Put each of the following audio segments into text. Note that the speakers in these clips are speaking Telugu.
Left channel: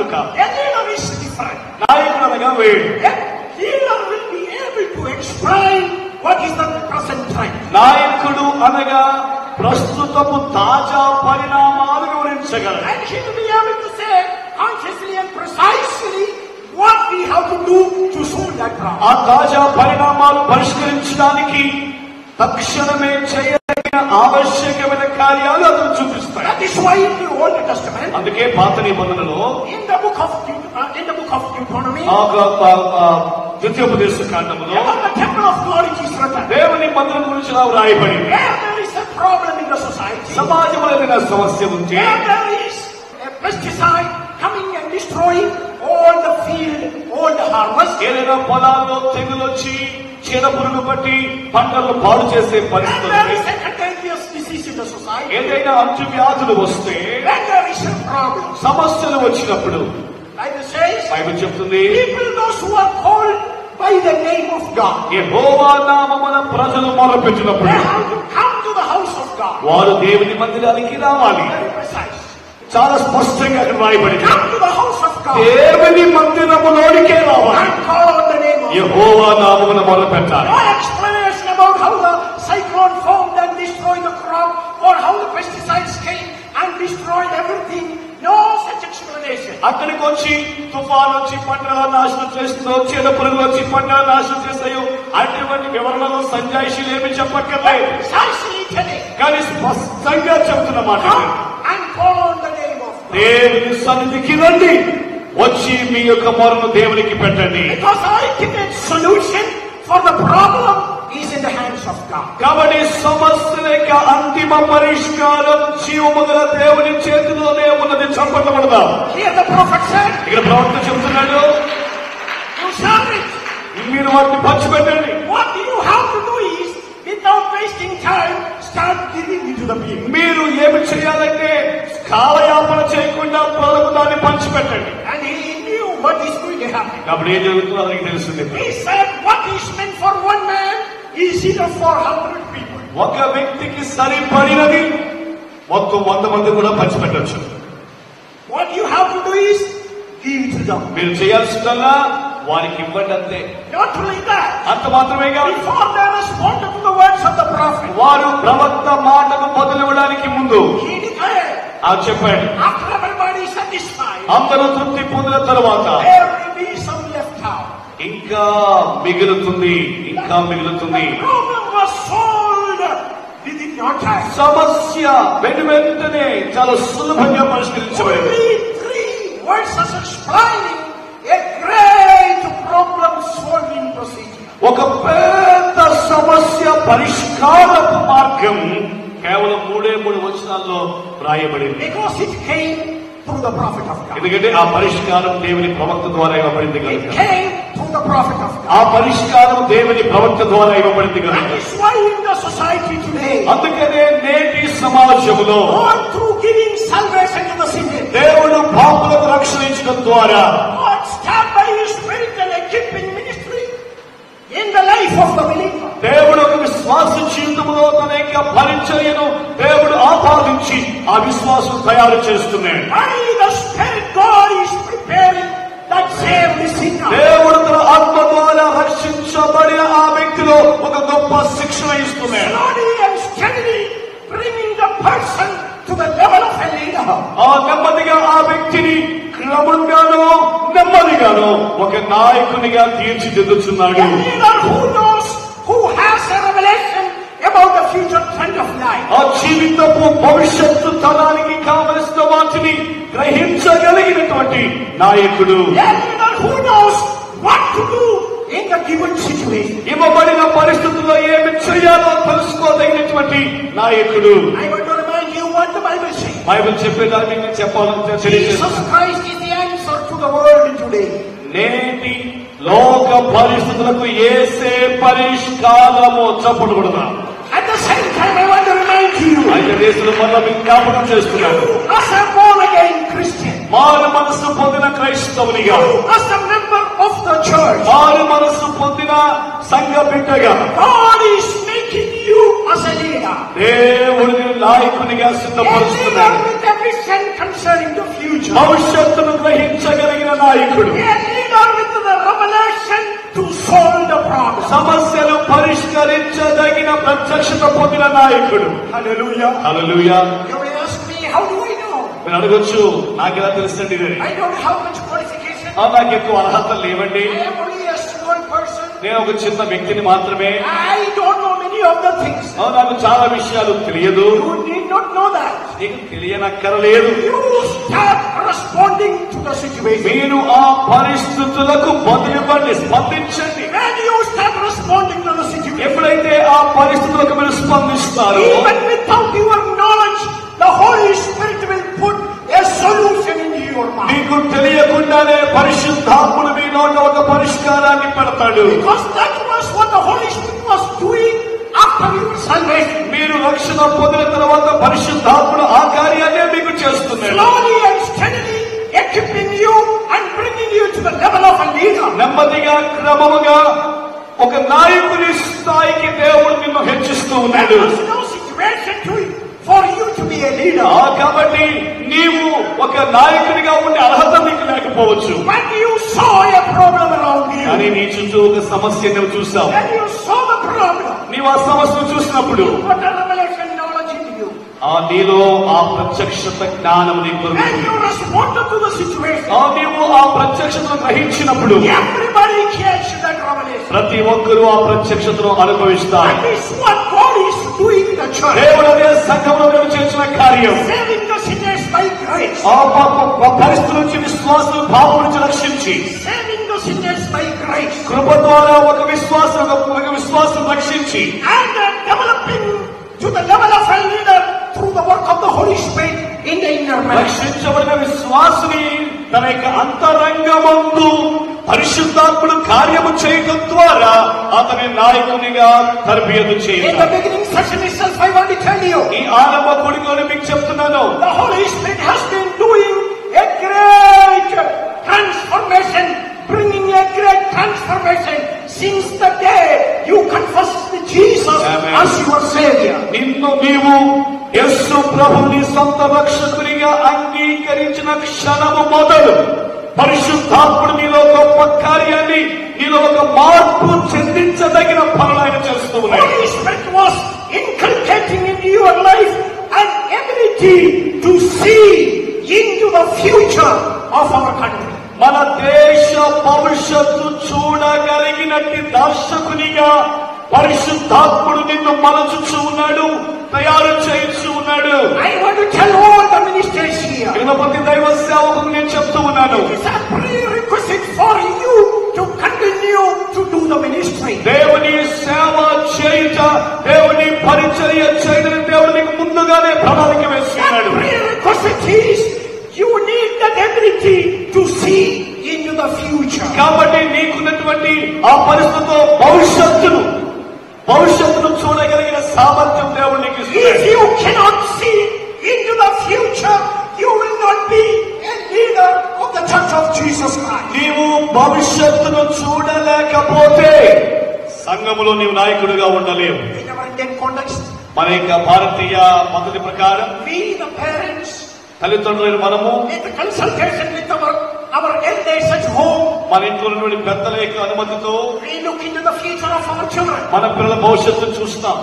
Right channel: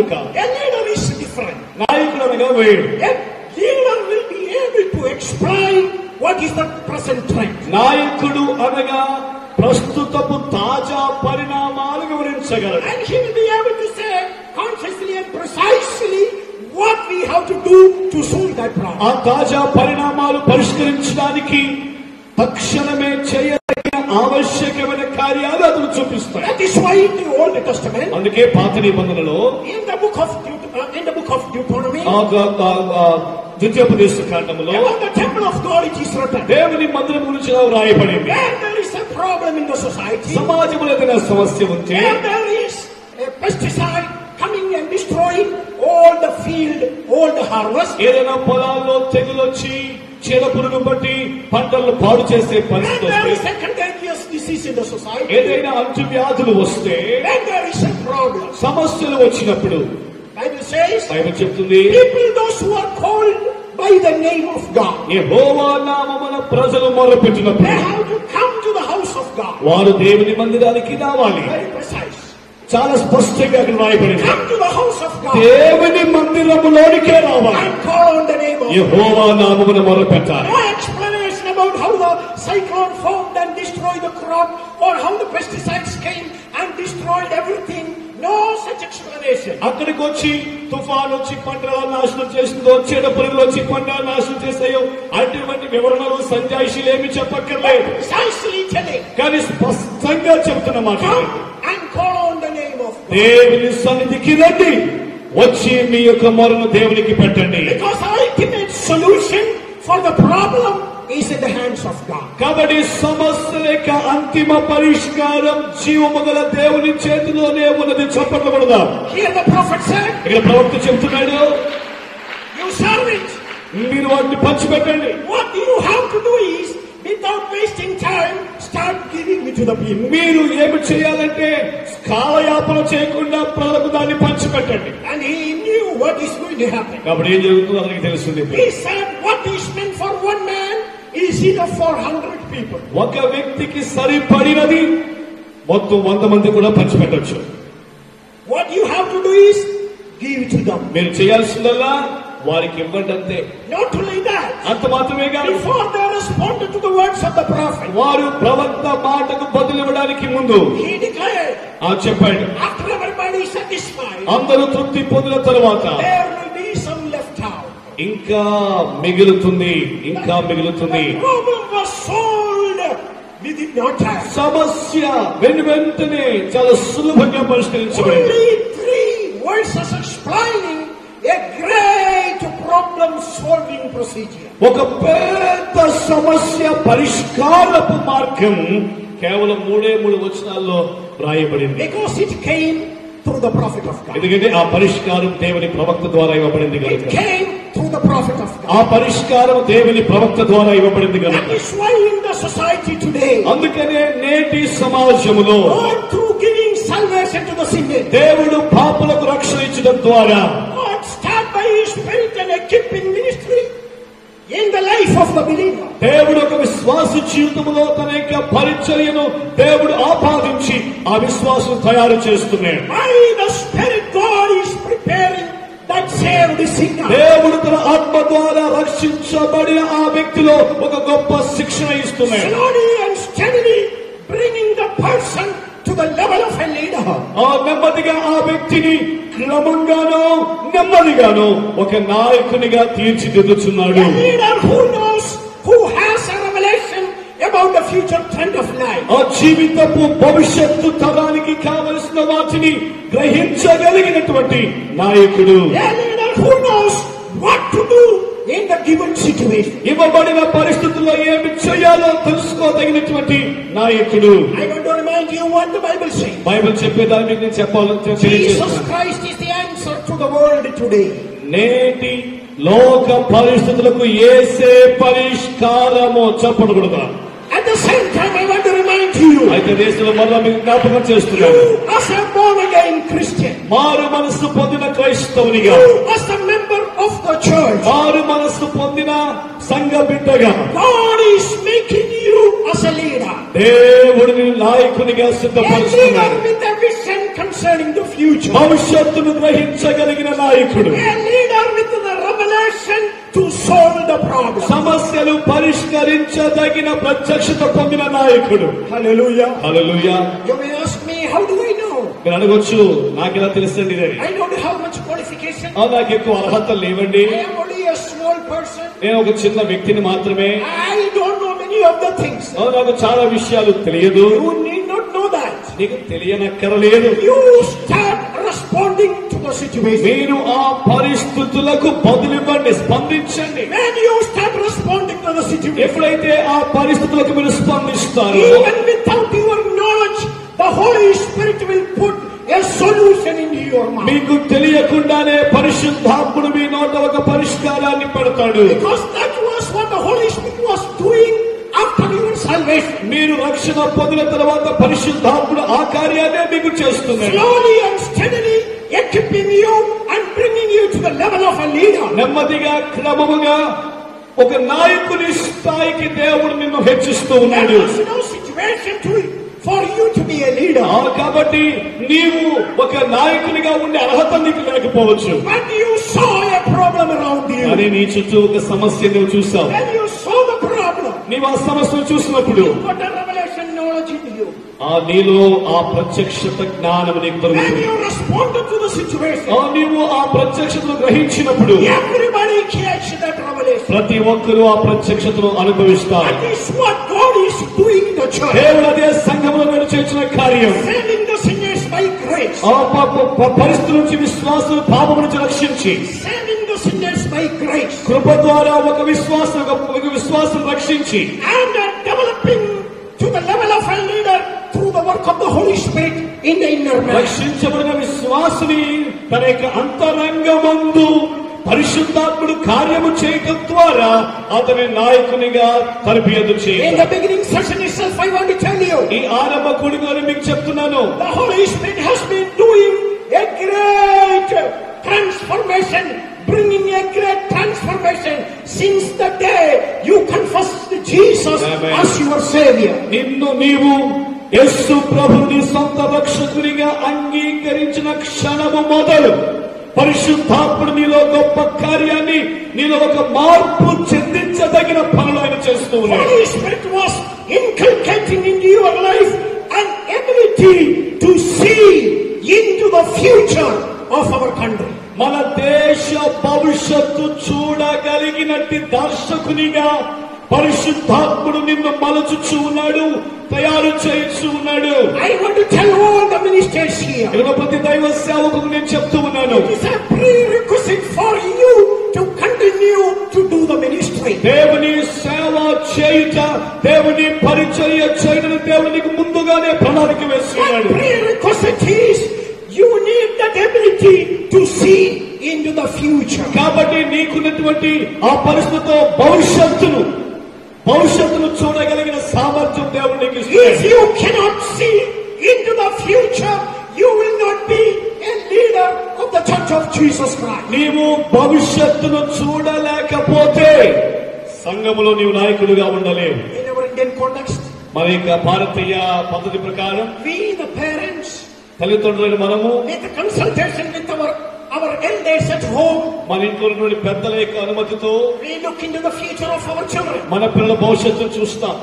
కనుక a leader is different. నాయకుడు అనగా వేరు. A leader will be able to explain what is the present trend. నాయకుడు అనగా ప్రస్తుతపు తాజా పరిణామాలు వివరించగలరు. And he will be able to say consciously and precisely what we have to do to solve that problem. ఆ తాజా పరిణామాలు పరిష్కరించడానికి తక్షణమే చేయదగిన ఆవశ్యకమైన కార్యాలు అతను చూపిస్తాయి. That is why in the Old Testament, అందుకే పాత నిబంధనలో in the book of Deuteronomy, ద్వితీయోపదేశ కాండములో about the temple of God it is written. దేవుని మందిరం గురించి ఇలా వ్రాయబడింది. Where there is a problem in the society, సమాజంలో ఏదైనా సమస్య ఉంటే, where there is a pesticide coming and destroying all the field, all the harvest, ఏదైనా పొలాల్లో తెగులు వచ్చి చీడ పురుగు బట్టి పంటలను పాడు చేసే when పరిస్థితి there వస్తే, is a contagious disease in the society, ఏదైనా అంటువ్యాధులు వస్తే, when there is a problem, సమస్యలు వచ్చినప్పుడు Bible says, బైబిల్ చెప్తుంది, people those who are called by the name of God, యెహోవా నామమున ప్రజలు మొరపెట్టినప్పుడు they have to come to the house of God. వారు దేవుని మందిరానికి రావాలి. Very precise. చాలా స్పష్టంగా అక్కడ రాయబడింది. Come to the house of God దేవుని మందిరములోనికే రావాలి. and call on the name of God. యెహోవా నామమున మొరపెట్టాలి. No explanation about how the cyclone formed and destroyed the crop, or how the pesticides came and destroyed everything. No such explanation. అక్కడికి వచ్చి తుఫాన్ వచ్చి పంటల నాశనం చేస్తుందో, చీడ పురుగులు వచ్చి పంటల నాశనం చేస్తాయో అటువంటి వివరణలు సంజాయిషీలు ఏమి చెప్పక్కర్లేదు. Precisely today, కానీ స్పష్టంగా చెప్తున్న మాట come and call on the name of God. దేవుని సన్నిధికి రండి, వచ్చి మీ యొక్క మొరను దేవునికి పెట్టండి. Because ultimate solution for the problem is in the hands of God. కాబట్టి సమస్యల యొక్క అంతిమ పరిష్కారం జీవము గల దేవుని చేతిలోనే ఉన్నది. చెప్పకూడదా? Here the prophet said, ఇక్కడ ప్రవక్త చెప్తున్నాడు, you shall it. మీరు వాటిని పంచిపెట్టండి. What you have to do is, without wasting time, start giving it to the people. మీరు ఏమి చేయాలంటే కాలయాపన చేయకుండా ప్రజలకు దాన్ని పంచిపెట్టండి. And he knew what is going to happen. కాబట్టి ఏం జరుగుతుందో అతనికి తెలుస్తుంది. He said, what is meant for one man is enough for 100 people. ఒక వ్యక్తికి సరిపడినది మొత్తం 100 మంది కూడా పంచిపెట్టచ్చు. What you have to do is give it to them. మీరు చేయాల్సిందల్లా వారికి ఇవ్వండి అంతే. Not only that, అంత మాత్రమే కాదు, before they responded to the words of the prophet, వారు ప్రవక్త మాటకు బదులివ్వడానికి ముందు he declared, చెప్పండి, after everybody is satisfied, అందరూ తృప్తి పొందిన తరువాత there will be some left out. ఇంకా మిగులుతుంది, ఇంకా మిగులుతుంది. The problem was solved within no time. సమస్య వెంటనే చాలా సులభంగా పరిష్కరించబడింది. Only 3 verses explaining a great problem solving procedure. ఒక పెద్ద సమస్య పరిష్కారపు మార్గం కేవలం 3 వచనాల్లో రాయబడింది. Because it came through the prophet of God. ఎందుకంటే ఆ పరిష్కారం దేవుని ప్రవక్త ద్వారా ఇవ్వబడింది It కనుక. came through the prophet of God. ఆ పరిష్కారం దేవుని ప్రవక్త ద్వారా ఇవ్వబడింది That కనుక. is why in the society today, అందుకనే నేటి సమాజంలో God through giving salvation to the sinner, దేవుడు పాపులకు రక్షించడం ద్వారా God stand by His Spirit and equipping ministry in the life of the believer. దేవుడు ఒక విశ్వాస జీవితంలో తన యొక్క పరిచర్యను దేవుడు ఆపాదించి ఆ విశ్వాసం తయారు చేస్తున్నాడు. By the Spirit, God is preparing that saved sinner. దేవుడు తన ఆత్మ ద్వారా రక్షించబడిన ఆ వ్యక్తిలో ఒక గొప్ప శిక్షణ ఇస్తున్నాడు. Slowly and steadily bringing the person to the level of a leader. ఆ నెమ్మదిగా ఆ వ్యక్తిని క్రమంగానో నెమ్మదిగానో ఒక నాయకునిగా తీర్చిదిద్దుచున్నాడు. A leader who knows, who has a revelation about the future trend of life. ఆ జీవితపు భవిష్యత్తు తరానికి కావలసిన వాటిని గ్రహించగలిగినటువంటి నాయకుడు. A leader who knows what to do in the given situation. ఇవ్వబడిన పరిస్థితుల్లో ఏమి చేయాలో తెలుసుకోదగినటువంటి నాయకుడు. I want to remind you what the Bible says. Bible చెప్పేదాన్ని నేను చెప్పాలని Jesus తెలియజేస్తున్నాను. Christ is the answer to the world today. నేటి లోక పరిస్థితులకు యేసే పరిష్కారము చెప్పకూడదు. At the same time, I want to remind you, ఆయన దేశంలో వల్ల మీకు జ్ఞాపకం చేస్తున్నాను. you as a born again Christian, మారు మనస్సు పొందిన క్రైస్తవునిగా, you as a member of the church, మారు మనస్సు పొందిన సంఘ బిడ్డగా God is making you as a leader. దేవుడిని నాయకునిగా A leader సిద్ధపరుస్తున్నాడు. with a vision concerning the future. భవిష్యత్తును గ్రహించగలిగిన నాయకుడు. A leader with the revelation to solve the problem. సమస్యలు పరిష్కరించదగిన ప్రత్యక్షత పొందిన నాయకుడు. Hallelujah. Hallelujah. You may ask me, how do I know? మీరు అనవచ్చు, నాకెలా తెలుస్తుంది? I don't have much qualification. నాకు ఎక్కువ అర్హతలు లేవండి. I am only a small person. నేను ఒక చిన్న వ్యక్తిని మాత్రమే. I don't know many of the things. నాకు చాలా విషయాలు తెలియదు. You need not know that. నీకు తెలియనక్కరలేదు. You start responding to the situation. మీరు ఆ పరిస్థితులకు బదులివ్వండి, స్పందించండి. When you start responding to the situation, ఎప్పుడైతే ఆ పరిస్థితులకు మీరు స్పందిస్తారో, even without your knowledge, the Holy Spirit will put a solution into your mouth. మీకు తెలియకుండానే పరిశుద్ధాత్ముడు మీ నోట ఒక పరిష్కారాన్ని పెడతాడు. Because that was what the Holy Spirit was doing after your salvation. మీరు రక్షణ పొందిన తర్వాత పరిశుద్ధాత్ముడు ఆ కార్యాన్ని మీకు చేస్తున్నాడు. Slowly and steadily equipping you and bringing you to the level of a leader. నెమ్మదిగా క్రమముగా ఒక నాయకుని స్థాయికి దేవుడు నిన్ను హెచ్చిస్తూ ఉన్నాడు. There is no situation for you to be a leader. కాబట్టి నీవు ఒక నాయకునిగా ఉండే అర్హత నీకు లేకపోవచ్చు. When you saw a problem around you, కానీ నీ చుట్టూ ఒక సమస్య నువ్వు చూసావు. when you saw the problem, నీవు ఆ సమస్యను చూసినప్పుడు what a revelation knowledge into you. నీలో ఆ ప్రత్యక్షత జ్ఞానం నీకు When దొరుకుతుంది. you responded to the situation, నీవు ఆ ప్రత్యక్షతను గ్రహించినప్పుడు everybody gets that revelation. ప్రతి ఒక్కరూ ఆ ప్రత్యక్షతను అనుభవిస్తారు. That is what God is doing in the church. దేవుడు అదే సంఘంలో మేము చేసిన కార్యం. Saving the sinners by grace. ఆ పరిస్థితుల నుంచి విశ్వాసులు పాపం నుంచి రక్షించి, Saving the sinners by grace. కృప ద్వారా ఒక విశ్వాసం రక్షించి, And developing to the level of a leader through the work of the Holy Spirit in the inner man. రక్షించబడిన విశ్వాసుని తన యొక్క అంతరంగమందు పరిశుద్ధాత్ముడు కార్యము చేయడం ద్వారా అతని నాయకునిగా తరబియదు In చేయాలి. the beginning session itself, I want to tell you, ఈ ఆరంభ కూడికలో మీకు చెప్తున్నాను, the Holy Spirit has been doing a great transformation, bringing a great transformation since the day you confessed Jesus Amen. as your Savior. నిన్ను నీవు యేసు ప్రభుని సొంత రక్షకునిగా అంగీకరించిన క్షణము మొదలు పరిశుద్ధాత్ముడు నీలో గొప్ప కార్యాన్ని, నీలో ఒక మార్పు చెందించదగిన పనులను చేస్తూ ఉన్నాడు. Holy Spirit was inculcating into your life an ability to see into the future of our country. మన దేశ భవిష్యత్తు చూడగలిగినట్టి దర్శకునిగా పరిశుద్ధాత్ముడు నిన్ను మలచుచూ ఉన్నాడు, తయారు చేయించు ఉన్నాడు. I want to tell all the ministers here, ప్రతి దైవ సేవకు నేను చెప్తూ ఉన్నాను, it's a prerequisite for you to continue to do the ministry. దేవుని సేవ చేయుట, దేవుని పరిచర్య చేయడం దేవునికి ముందుగానే ప్రణాళిక That వేసుకున్నాడు. prerequisite is you need that ability to see into the future. కాబట్టి నీకున్నటువంటి ఆ పరిస్థితితో భవిష్యత్తును చూడగలిగిన సామర్థ్యం దేవుడు నీకు If ఇస్తున్నాడు. you cannot see into the future, you will not be a leader of the Church of Jesus Christ. నీవు భవిష్యత్తును చూడలేకపోతే సంఘములో నీవు నాయకుడిగా ఉండలేవు. In our Indian context, మన యొక్క భారతీయ పద్ధతి ప్రకారం we the parents, తల్లిదండ్రులు మనము in the consultation with our elders at home, మన ఇంట్లో నుండి పెద్దల యొక్క అనుమతితో we look into the future of our children. మన పిల్లల భవిష్యత్తును చూస్తాం.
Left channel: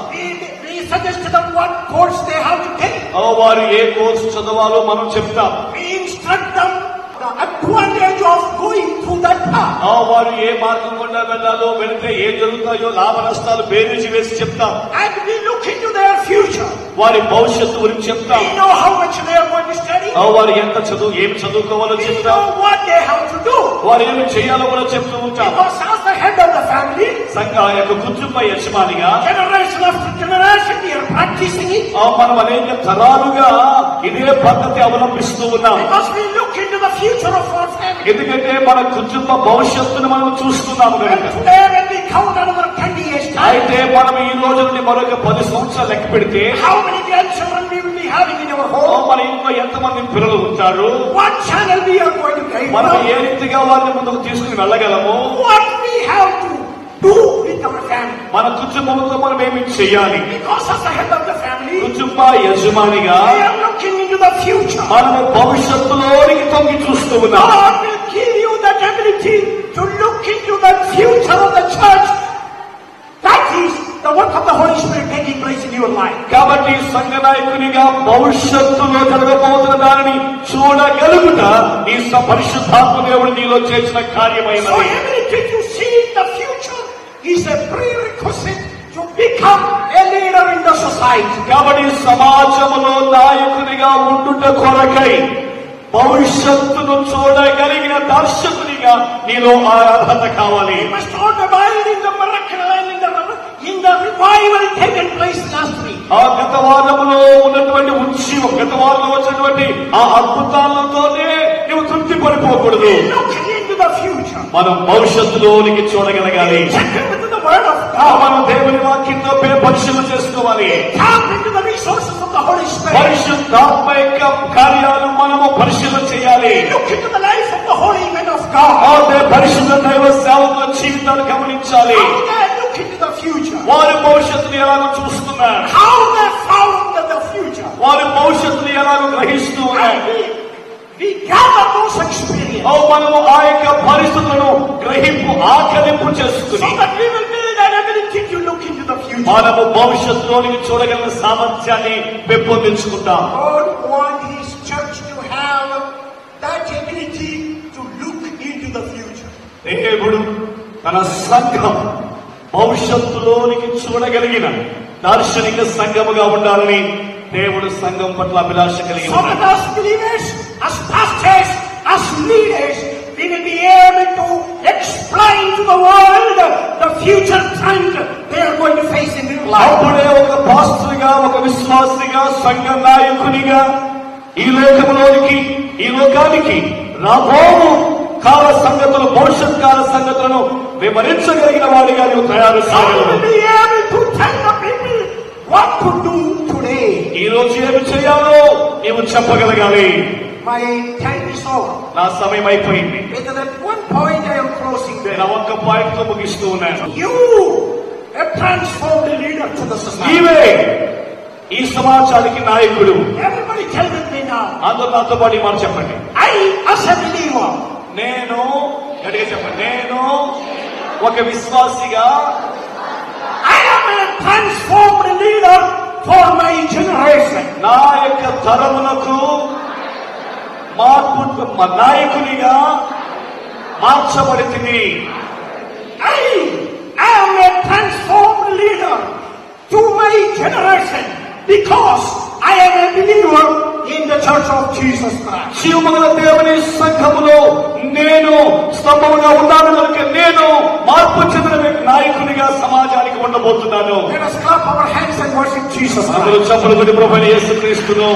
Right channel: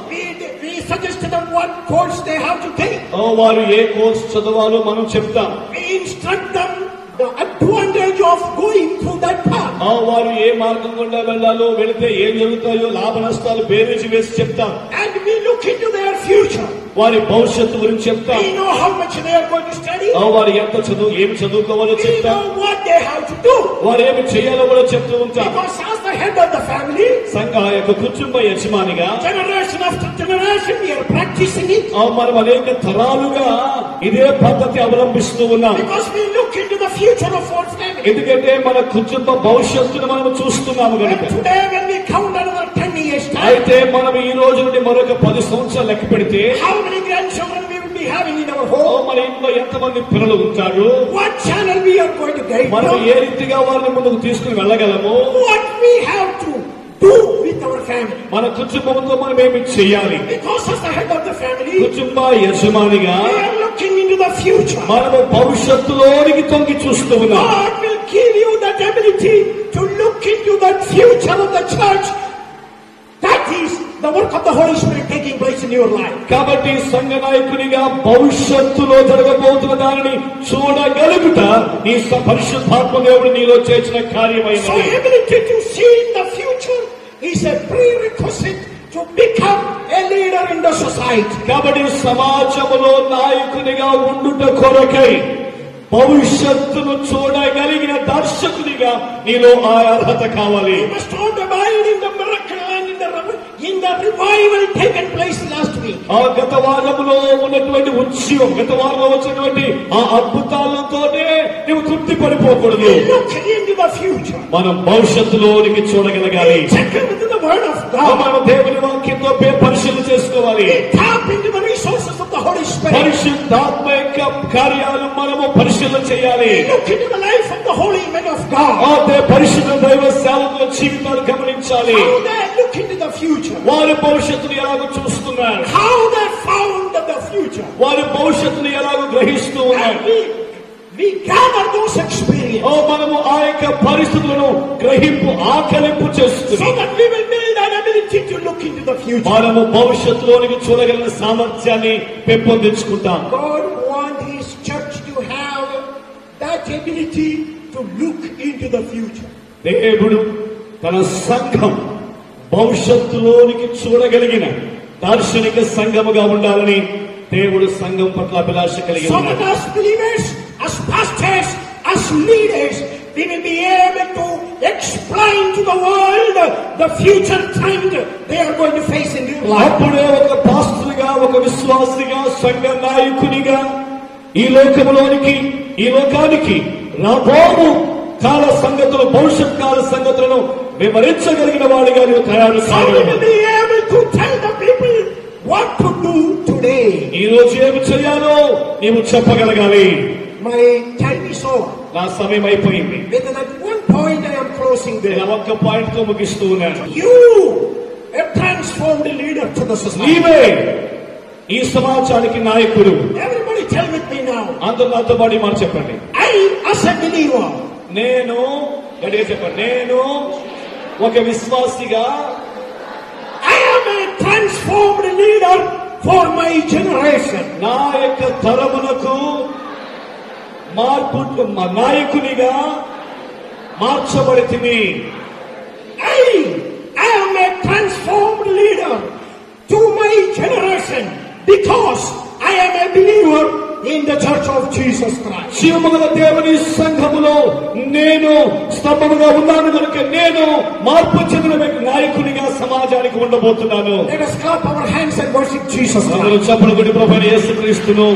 We suggest to them what course they have to take. వారు ఏ కోర్సు చదవాలో మనం చెప్తాం. We instruct them the advantage of going through that path. వారు ఏ మార్గం గుండా వెళ్ళాలో, వెళితే ఏం జరుగుతాయో లాభ నష్టాలు బేరీజు వేసి చెప్తాం. And we look into their future. వారి భవిష్యత్తు గురించి చెప్తాం. We know how much they are going to study. వారు ఎంత ఏమి చదువుకోవాలో We చెప్తాం. know what they have to do. వారు ఏమి చేయాలో కూడా చెప్తూ ఉంటాం. Because as the head of the family, సంఘ యొక్క కుటుంబ యజమానిగా generation after generation, we are practicing it. మనం అనేక తరాలుగా ఇదే పద్ధతి అవలంబిస్తూ ఉన్నాం. Because we look into the future of our family. ఎందుకంటే మన కుటుంబ భవిష్యత్తును మనం చూస్తున్నాము And కనుక. today when we count another 10 years time, అయితే మనం ఈ రోజు నుండి మరొక 10 సంవత్సరాలు లెక్క పెడితే how many grandchildren we will be having in our home? మన ఇంట్లో ఎంతమంది పిల్లలు ఉంటారు, What channel we are going to guide మనం them? ఏ రీతిగా వారిని ముందుకు తీసుకుని వెళ్ళగలము, What we have to do with our family. మన కుటుంబంతో మనం ఏమి చేయాలి. Because as the head of the family, కుటుంబ యజమానిగా we are looking into the future. మనము భవిష్యత్తులోనికి తొంగి చూస్తూ ఉన్నాం. God will give you that ability to look into the future of the church. That is the work of the Holy Spirit taking place in your life. కాబట్టి సంఘ నాయకునిగా భవిష్యత్తులో జరగబోతున్న దానిని చూడగలుగుట నీ పరిశుద్ధాత్మ దేవుడు నీలో చేసిన కార్యమైన. So ability to see the future is a prerequisite to become a leader in the society. కాబట్టి సమాజంలో నాయకునిగా ఉండుట కొరకై భవిష్యత్తును చూడగలిగిన దర్శకునిగా నీలో ఆ అర్హత కావాలి. You must not abide in the miracle and in the revival taken place last week. ఆ గత వారములో ఉన్నటువంటి ఉత్సవం, గత వారంలో వచ్చినటువంటి ఆ అద్భుతాలతోనే నీవు తృప్తి పడిపోకూడదు. Look into the future. మనం భవిష్యత్తులోనికి చూడగలగాలి. Check into the word of God. మనం దేవుని వాక్యంతో పరిశీలన చేసుకోవాలి. Tap into the resources of the Holy Spirit. పరిశుద్ధాత్మ యొక్క కార్యాలు మనము పరిశీలన చేయాలి. Look into the life of the holy men of God. అదే పరిశుద్ధ దైవ సేవకుల జీవితాలు గమనించాలి. How they look into the future. వారి భవిష్యత్తును ఎలాగో చూస్తున్నారు. How they found the future. వారి భవిష్యత్తును ఎలాగో గ్రహిస్తూ ఉన్నారు. We gather those experiences. మనము ఆ యొక్క పరిస్థితులను గ్రహింపు ఆకలింపు చేసుకుని So that we will build that ability to look into the future. మనము భవిష్యత్తులోనికి చూడగల సామర్థ్యాన్ని పెంపొందించుకుంటాం. God wants His church to have that ability to look into the future. దేవుడు తన సంఘం భవిష్యత్తులోనికి చూడగలిగిన దార్శనిక సంఘముగా ఉండాలని దేవుడు సంఘం పట్ల అభిలాష కలిగి So that as believers, as pastors, as leaders, we will be able to explain to the world the future trend they are going to face in their life. అప్పుడే ఒక పాస్టర్గా, ఒక విశ్వాసిగా, సంఘ నాయకునిగా ఈ లోకానికి రాబోవు కాల సంగతులు, భవిష్యత్ కాల సంగతులను వివరించగలిగిన వాడిగా నువ్వు తయారు So కావాలి. we will be able to tell the people what to do today. ఈ రోజు ఏమి చేయాలో నీవు చెప్పగలగాలి. My time is over. నా సమయం అయిపోయింది. With that one point I am closing there. నేను ఒక్క పాయింట్ తో ముగిస్తూ ఉన్నాను. You, a transformed leader to the society. నీవే ఈ సమాజానికి నాయకుడు. Everybody tell with me now. అందులో నాతో పాటు మాట చెప్పండి. I, as a believer, నేను గట్టిగా చెప్పండి. నేను ఒక విశ్వాసిగా I am a transformed leader for my generation. నా యొక్క తరములకు మార్పు నాయకునిగా మార్చబడితిని. I am a transformed leader to my generation because I am a believer in the Church of Jesus Christ. జీవముల దేవుని సంఘములో నేను స్తంభముగా ఉన్నాను కనుక నేను మార్పు చెందిన నాయకునిగా సమాజానికి ఉండబోతున్నాను. Let us clap our hands and worship Jesus. చప్పట్లు కొట్టి ప్రభువైన యేసుక్రీస్తును